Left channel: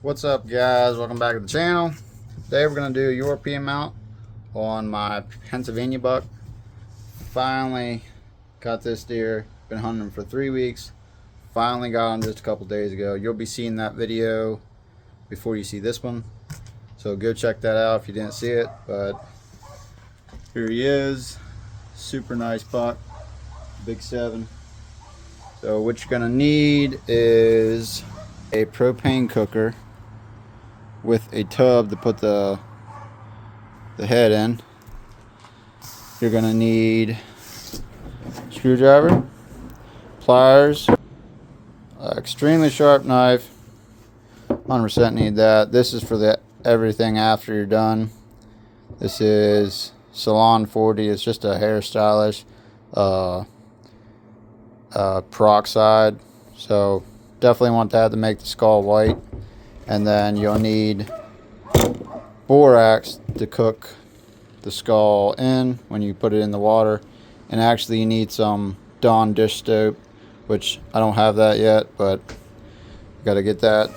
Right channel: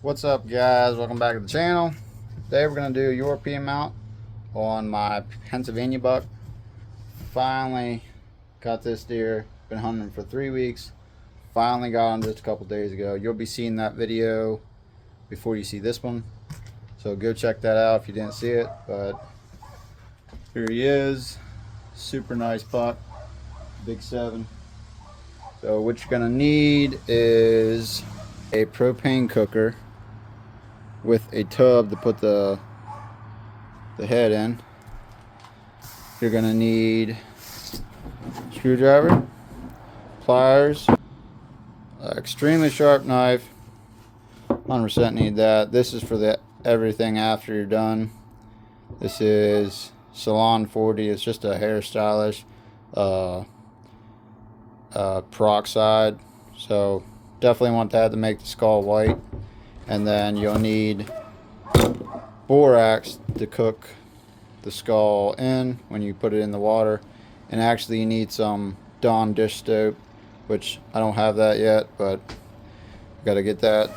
What's up, guys? Welcome back to the channel. Today we're going to do a European mount on my Pennsylvania buck. Finally got this deer. Been hunting him for 3 weeks. Finally got him just a couple days ago. You'll be seeing that video before you see this one, so go check that out if you didn't see it. But here he is. Super nice buck. Big 7. So what you're going to need is a propane cooker with a tub to put the head in. You're gonna need a screwdriver, pliers, extremely sharp knife. 100% need that. This is for the everything after you're done. This is Salon 40. It's just a hairstylish peroxide. So definitely want that to make the skull white. And then you'll need borax to cook the skull in when you put it in the water. And actually you need some Dawn dish soap, which I don't have that yet, but got to get that.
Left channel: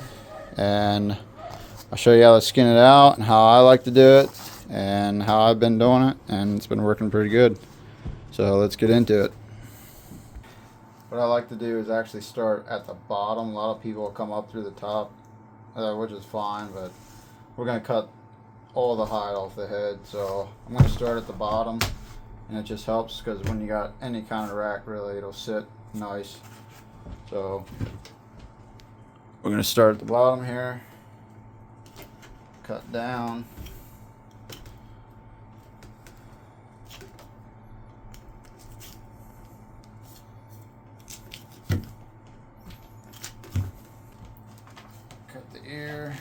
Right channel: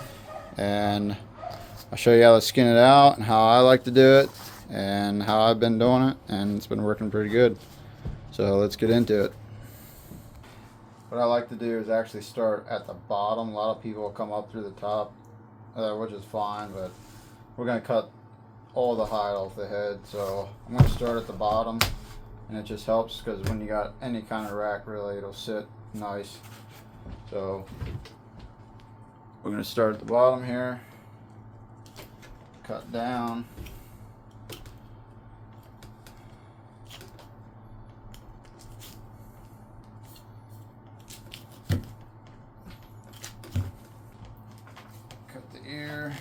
And I'll show you how to skin it out and how I like to do it and how I've been doing it, and it's been working pretty good. So let's get into it. What I like to do is actually start at the bottom. A lot of people will come up through the top, which is fine, but we're going to cut all the hide off the head. So I'm going to start at the bottom, and it just helps because when you got any kind of rack, really, it'll sit nice. So we're going to start at the bottom here, cut down. Cut the ear,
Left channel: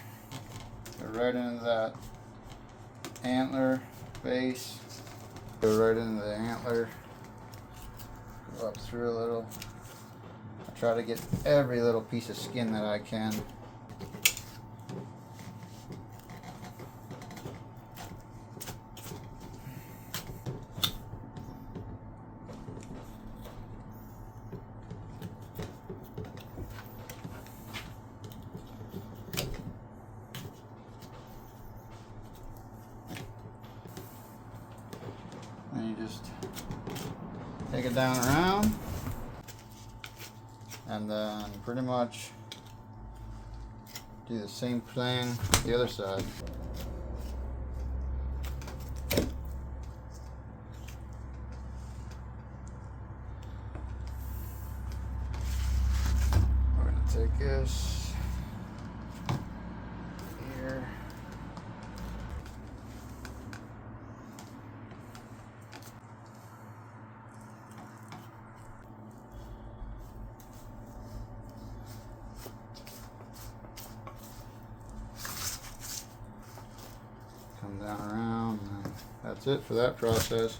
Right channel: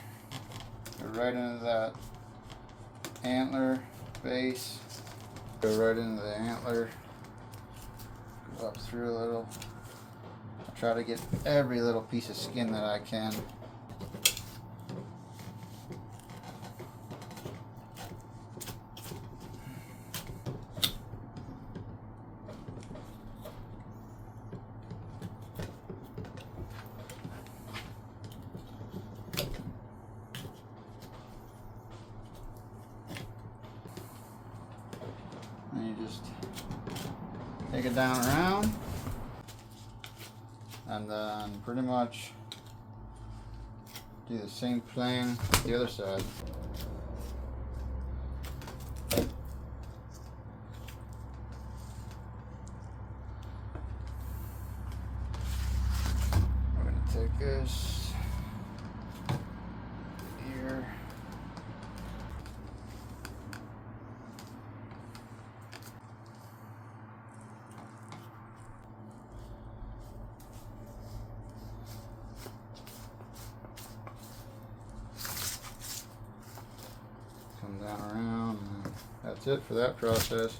go right into that antler base, go right into the antler, go up through a little. Try to get every little piece of skin that I can. And you just take it down around, and then pretty much do the same thing the other side. We're going to take this here. Come down around, and that's it for that process.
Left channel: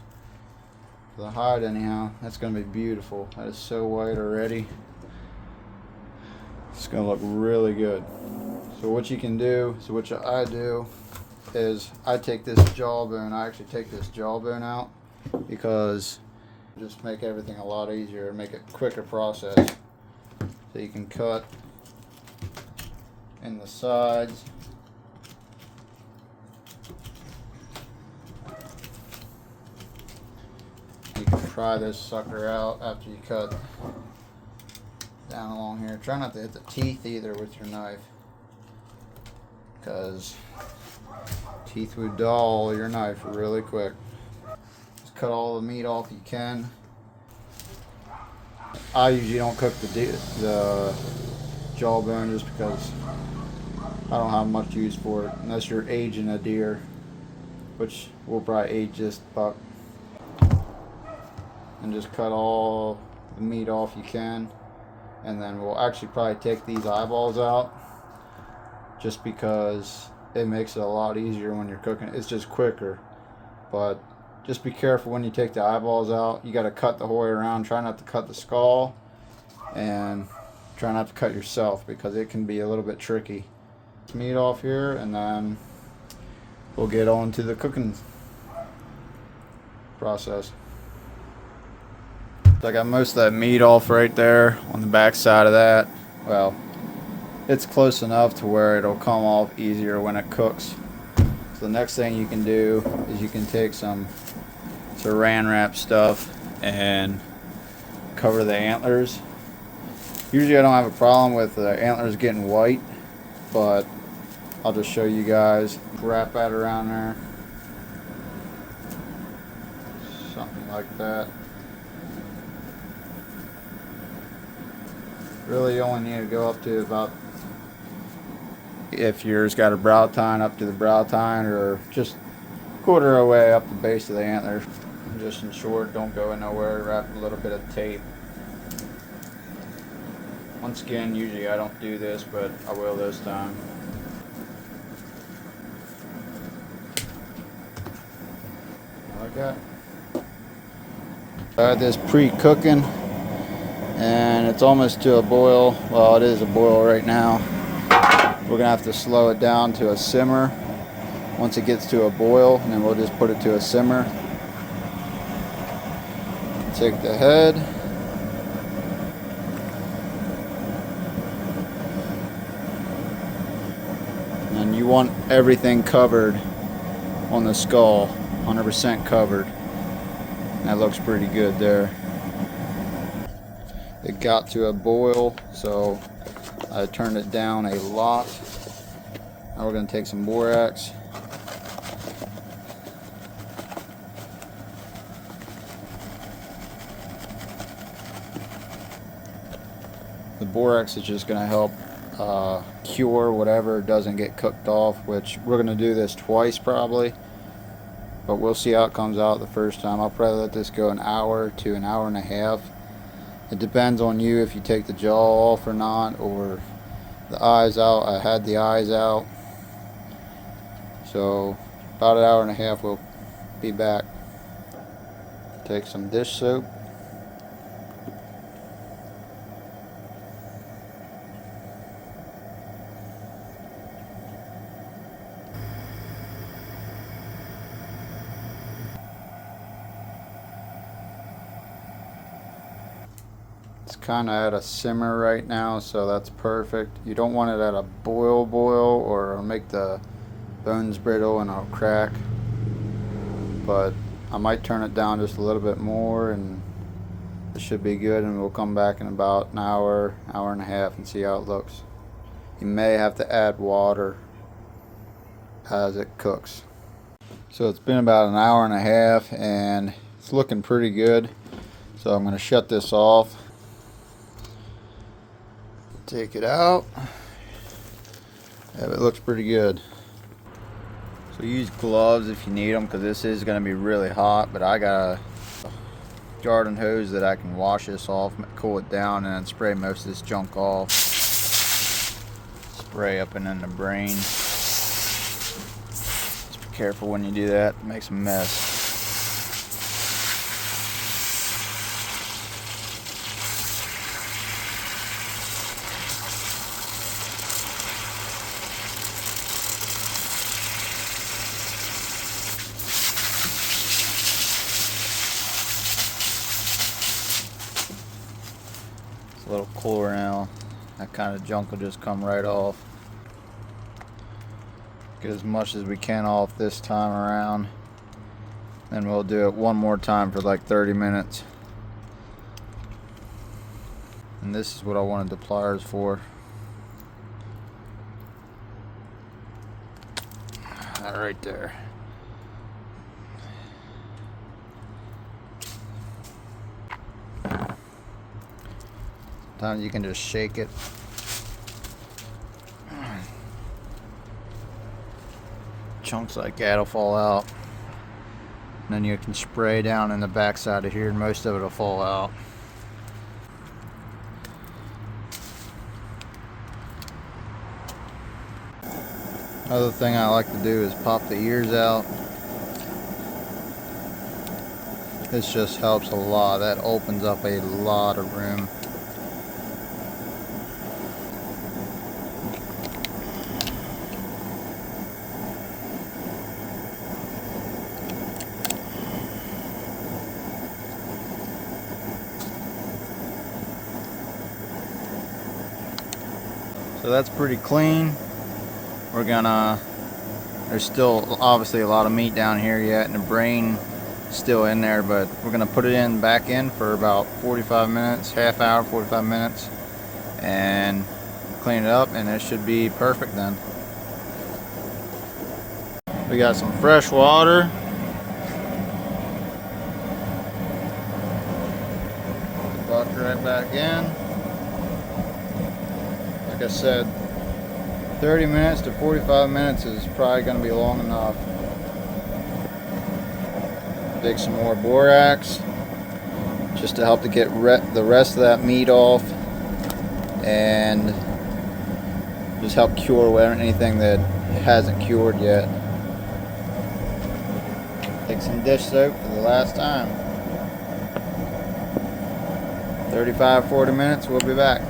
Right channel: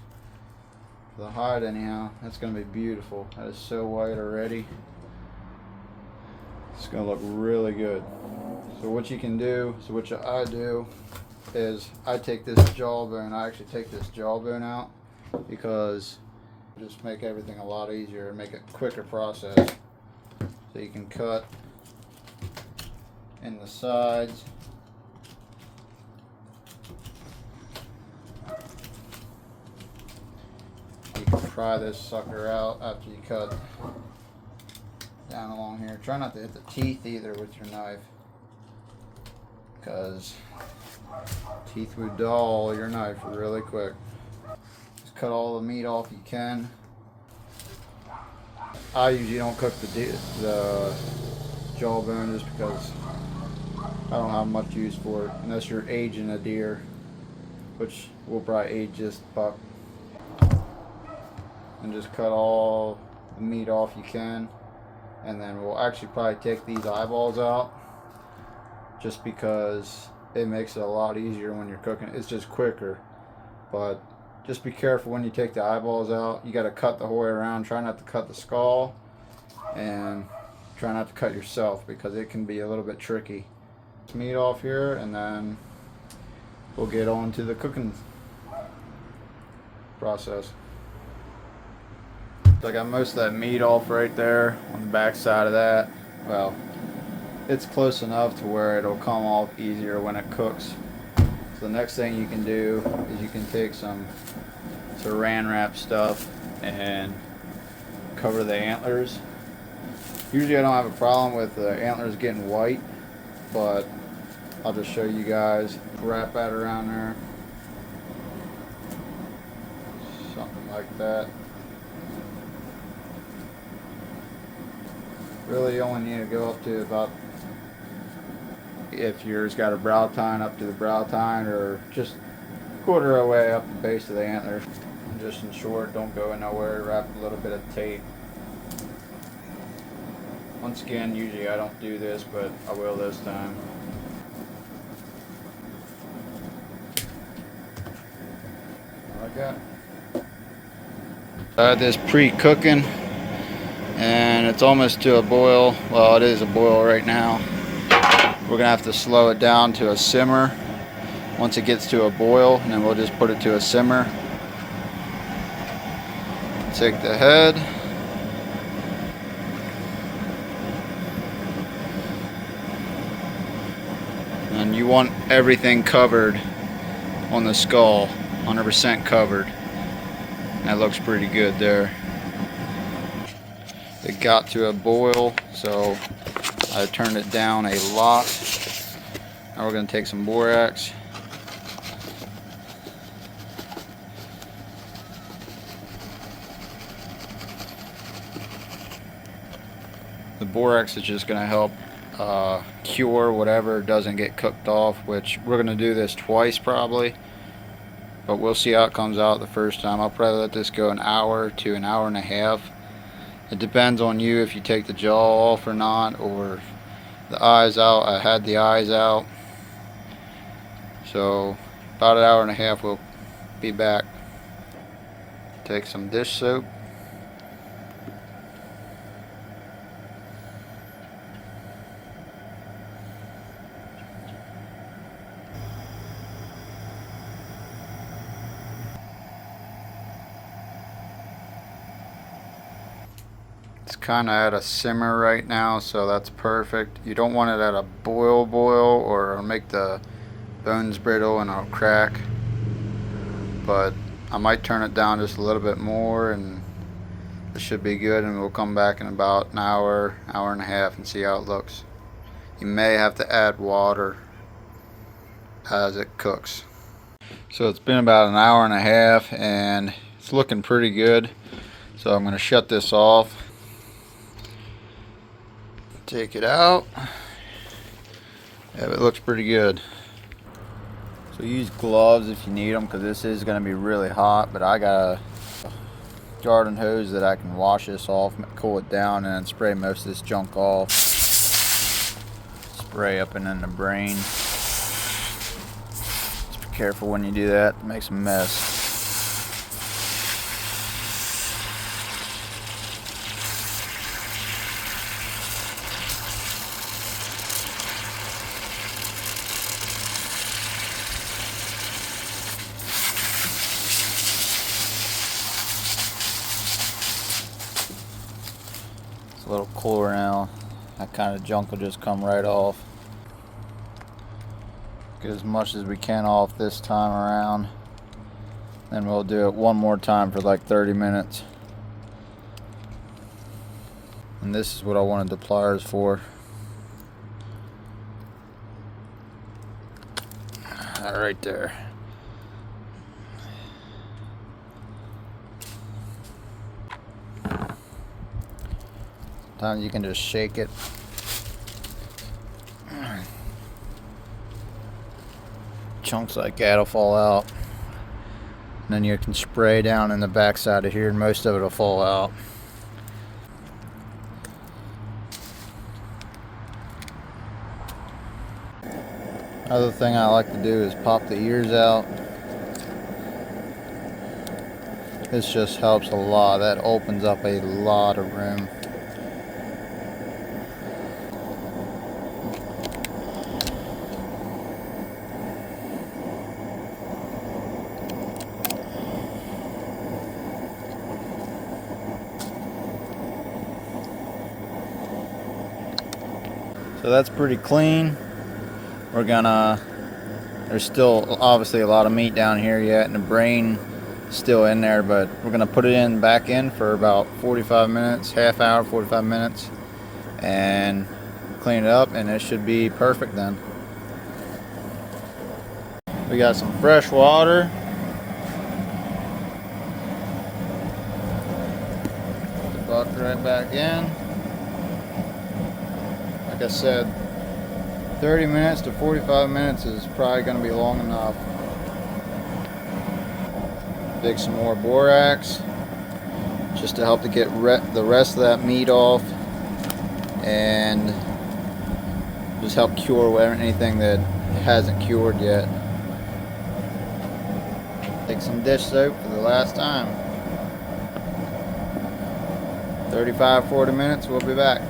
For the hide anyhow, that's going to be beautiful. That is so white already. It's going to look really good. So what you can do, what I do is I take this jawbone, I actually take this jawbone out because just make everything a lot easier and make it a quicker process. So you can cut in the sides. You can pry this sucker out after you cut down along here. Try not to hit the teeth either with your knife, because teeth would dull your knife really quick. Just cut all the meat off you can. I usually don't cook the jawbone just because I don't have much use for it unless you're aging a deer, which we'll probably age this buck. And just cut all the meat off you can, and then we'll actually probably take these eyeballs out just because it makes it a lot easier when you're cooking. It's just quicker, but just be careful when you take the eyeballs out. You got to cut the whole way around. Try not to cut the skull, and try not to cut yourself because it can be a little bit tricky. Meat off here, and then we'll get on to the cooking process. I got most of that meat off right there on the back side of that. Well, it's close enough to where it'll come off easier when it cooks. So the next thing you can do is you can take some saran wrap stuff and cover the antlers. Usually I don't have a problem with the antlers getting white, but I'll just show you guys. Wrap that around there. Something like that. Really you only need to go up to about, if yours got a brow tine, up to the brow tine, or just quarter of the way up the base of the antler. And just ensure it don't go nowhere. Wrap a little bit of tape. Once again, usually I don't do this, but I will this time. Like that. I had this pre-cooking and it's almost to a boil. Well, it is a boil right now. We're gonna have to slow it down to a simmer once it gets to a boil, and then we'll just put it to a simmer. Take the head. And you want everything covered on the skull, 100% covered. That looks pretty good there. It got to a boil, so I turned it down a lot. Now we're going to take some borax. The borax is just going to help cure whatever doesn't get cooked off, which we're going to do this twice probably, but we'll see how it comes out the first time. I'll probably let this go an hour to an hour and a half. It depends on you if you take the jaw off or not, or the eyes out. I had the eyes out, so about an hour and a half we'll be back. Take some dish soap. It's kind of at a simmer right now, so that's perfect. You don't want it at a boil or it'll make the bones brittle and it'll crack. But I might turn it down just a little bit more and it should be good, and we'll come back in about an hour and a half and see how it looks. You may have to add water as it cooks. So it's been about an hour and a half and it's looking pretty good. So I'm going to shut this off. Take it out. Yeah, it looks pretty good. So use gloves if you need them, because this is going to be really hot, but I got a garden hose that I can wash this off, cool it down, and then spray most of this junk off. Spray up and in the brain. Just be careful when you do that, it makes a mess. A little cooler now. That kind of junk will just come right off. Get as much as we can off this time around. Then we'll do it one more time for like 30 minutes. And this is what I wanted the pliers for. That right there. Sometimes you can just shake it. Chunks like that'll fall out. And then you can spray down in the back side of here and most of it will fall out. Another thing I like to do is pop the ears out. This just helps a lot. That opens up a lot of room. So So that's pretty clean. We're gonna, there's still obviously a lot of meat down here yet, and the brain still in there, but we're gonna put it back in for about 45 minutes, half hour, 45 minutes, and clean it up, and it should be perfect then. We got some fresh water. Buck right back in. Like I said, 30 minutes to 45 minutes is probably going to be long enough. Dig some more borax just to help to get the rest of that meat off, and just help cure anything that hasn't cured yet. Take some dish soap for the last time. 35-40 minutes, we'll be back.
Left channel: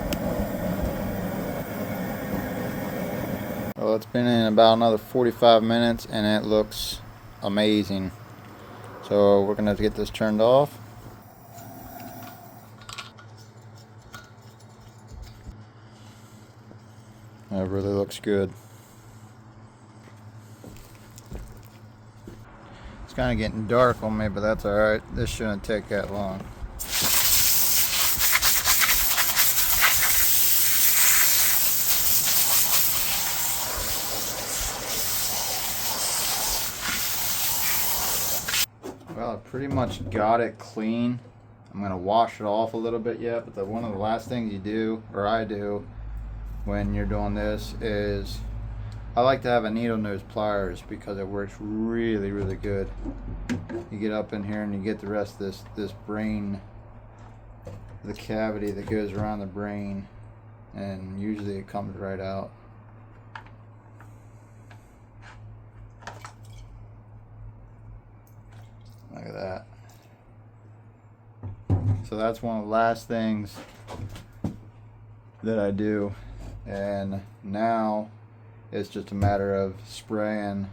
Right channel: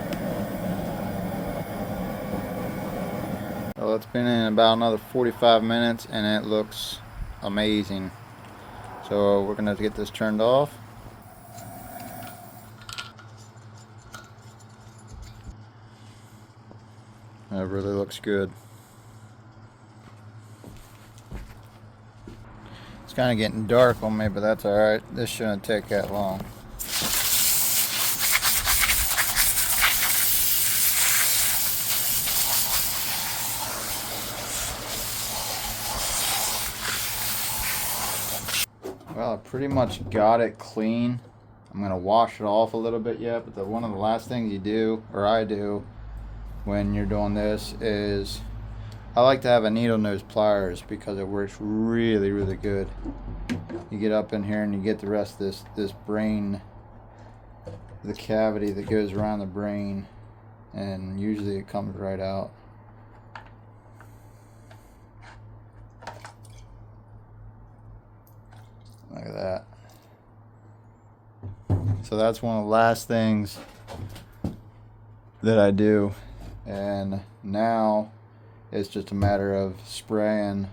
Well, it's been in about another 45 minutes and it looks amazing. So we're gonna get this turned off. That really looks good. It's kind of getting dark on me, but that's alright. This shouldn't take that long. Well, I pretty much got it clean. I'm going to wash it off a little bit yet, but one of the last things you do, or I do, when you're doing this is I like to have a needle nose pliers because it works really, really good. You get up in here and you get the rest of this brain, the cavity that goes around the brain, and usually it comes right out. Look at that. So that's one of the last things that I do, and now it's just a matter of spraying.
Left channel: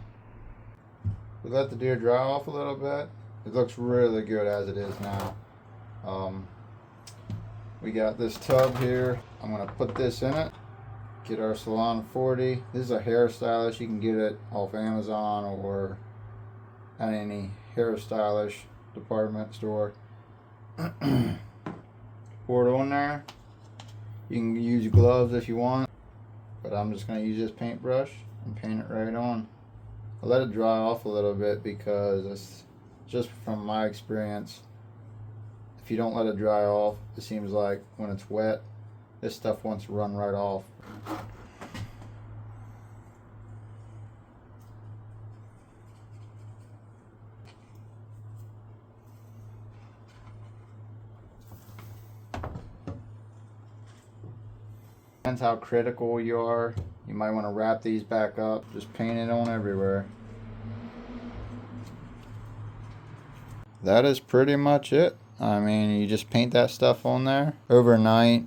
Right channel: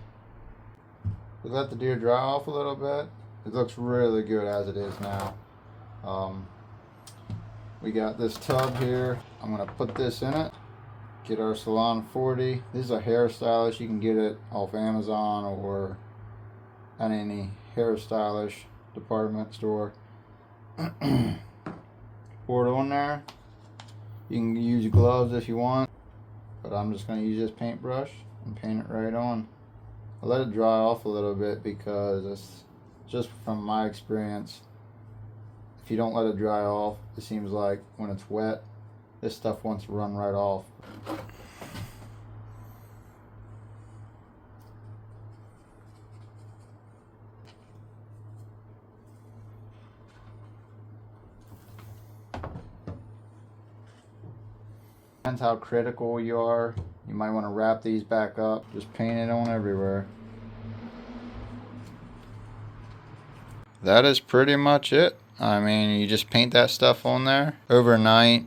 We let the deer dry off a little bit. It looks really good as it is now. We got this tub here. I'm gonna put this in it. Get our Salon 40. This is a hairstylist. You can get it off Amazon or at any hairstylish department store. Pour it on there. You can use gloves if you want, but I'm just going to use this paintbrush and paint it right on. I let it dry off a little bit because it's just from my experience. If you don't let it dry off, it seems like when it's wet, this stuff wants to run right off. Depends how critical you are. You might want to wrap these back up. Just paint it on everywhere. That is pretty much it. I mean, you just paint that stuff on there overnight.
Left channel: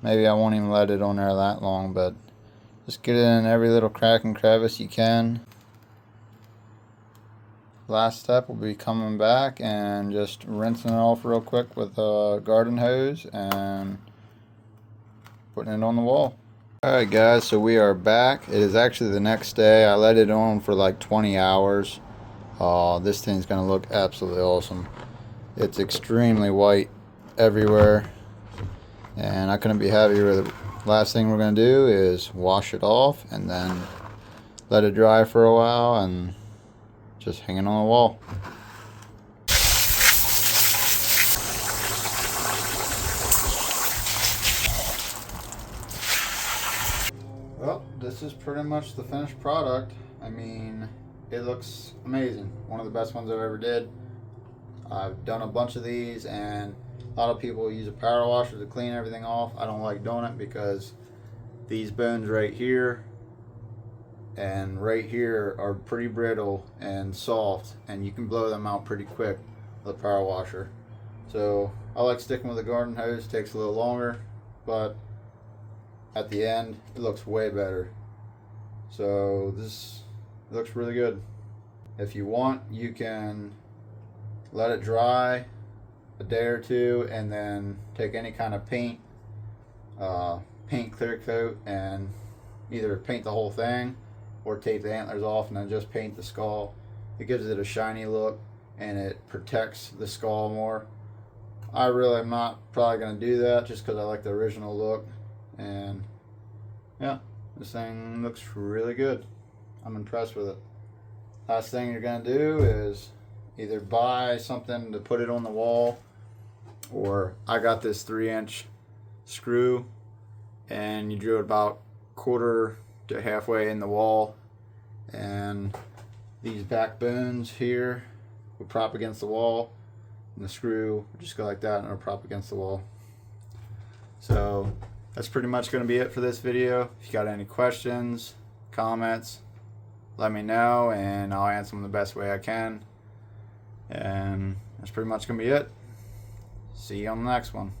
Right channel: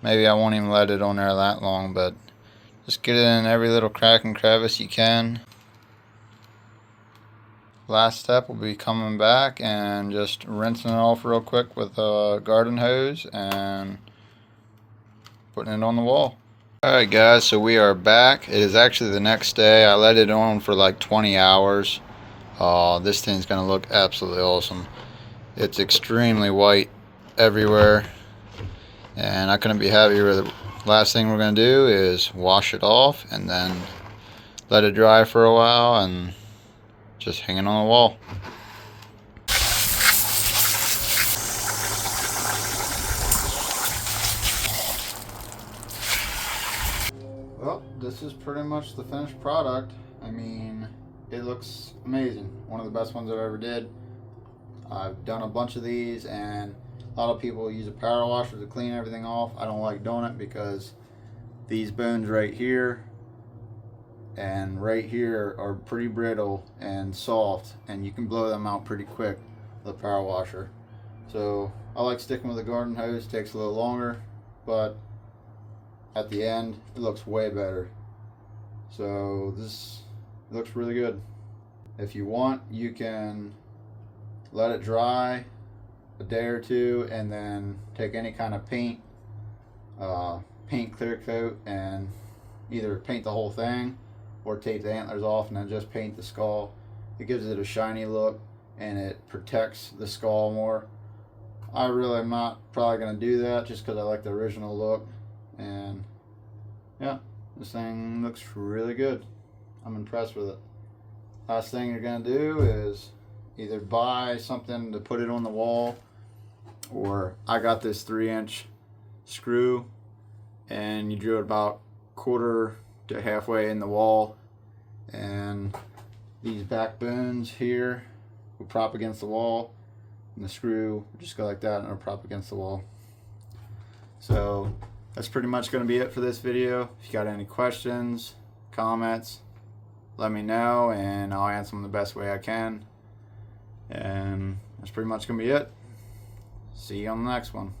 Maybe I won't even let it on there that long, but just get it in every little crack and crevice you can. Last step will be coming back and just rinsing it off real quick with a garden hose and putting it on the wall. Alright guys, so we are back. It is actually the next day. I let it on for like 20 hours. This thing's gonna look absolutely awesome. It's extremely white everywhere, and I couldn't be happier with it. Last thing we're gonna do is wash it off and then let it dry for a while and just hang it on the wall. Well, this is pretty much the finished product. I mean, it looks amazing. One of the best ones I've ever did. I've done a bunch of these, and a lot of people use a power washer to clean everything off. I don't like doing it because these bones right here and right here are pretty brittle and soft, and you can blow them out pretty quick with a power washer. So I like sticking with a garden hose. It takes a little longer, but at the end it looks way better. So this looks really good. If you want, you can let it dry a day or two and then take any kind of paint clear coat and either paint the whole thing or tape the antlers off and then just paint the skull. It gives it a shiny look and it protects the skull more. I really am not probably going to do that just because I like the original look. And yeah, this thing looks really good. I'm impressed with it. Last thing you're going to do is either buy something to put it on the wall, or I got this 3-inch screw and you drew it about quarter to halfway in the wall, and these back bones here will prop against the wall, and the screw will just go like that and it'll prop against the wall. So that's pretty much going to be it for this video. If you got any questions, comments, let me know and I'll answer them the best way I can. And that's pretty much going to be it. See you on the next one.